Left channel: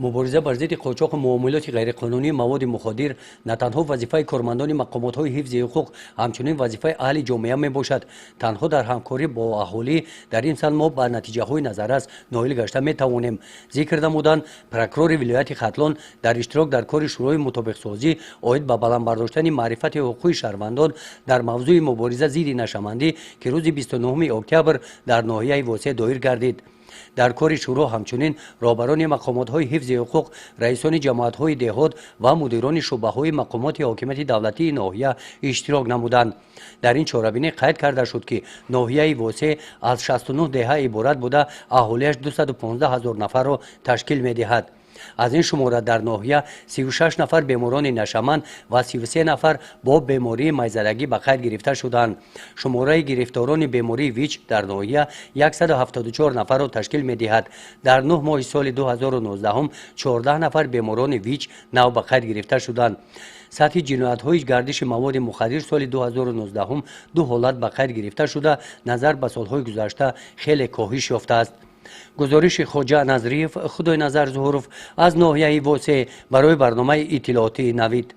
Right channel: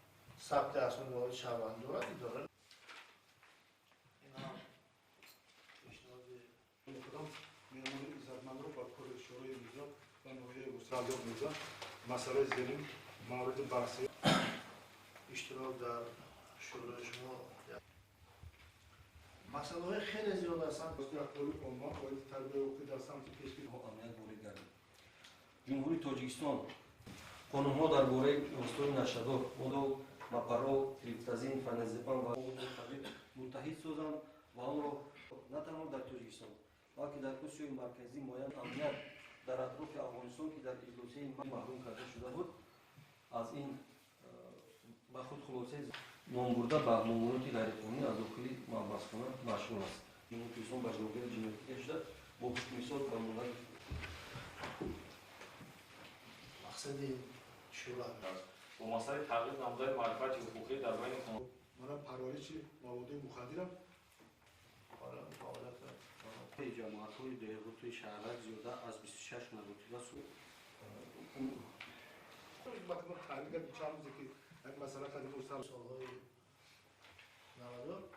مبارزه بر ضد قاچاق و معاملات غیرقانونی مواد مخدر نه تنها وظیفه کارمندان مقامات حفظ حقوق همچنین وظیفه اهل جامعه میباشد. تنها در همکاری با اهالی در این سال ما به نتیجه های نظر است نائل گشته میتوانیم. ذکر نمودند پروکرور ولایت ختلان در اشتراک در کار شوروی مутобиксози اوید به баланд برداشتن معرفت حقوقی شهروندان در موضوع مبارزه ضد نشأمندی که روز 29 اکتبر در ناحیه واسع دایر گردید. در کار شورا همچنین رهبران مقامات حفظ حقوق، رئیسان جماعت های دهات و مدیران شعبه‌های مقامات حاکمیت دولتی ناحیه اشتراک نمودند. در این چهاربینی قید کرده شد که ناحیه واسع از 69 دهه عبارت بوده، اهالیش 215,000 نفر را تشکیل می‌دهد. از این شماره در ناحیه 36 نفر بیماران نشأمند و 33 نفر با بیماری میزدگی به قید گرفته شدند. شماره گرفتاران بیماری ویچ در ناحیه 174 نفر را تشکیل می‌دهد. در 9 ماه سال 2019 هم 14 نفر بیماران ویچ نو به قید گرفته شدند. سطح جنایت‌های گردش مواد مخدر سال 2019 هم 2 حالت به قید گرفته شده، نظر به سال‌های گذشته خیلی کاهش یافته است. گزارش خواجه نظریف خدای نظر ظهورف از ناحیه واسع برای برنامه اطلاعاتی نوید.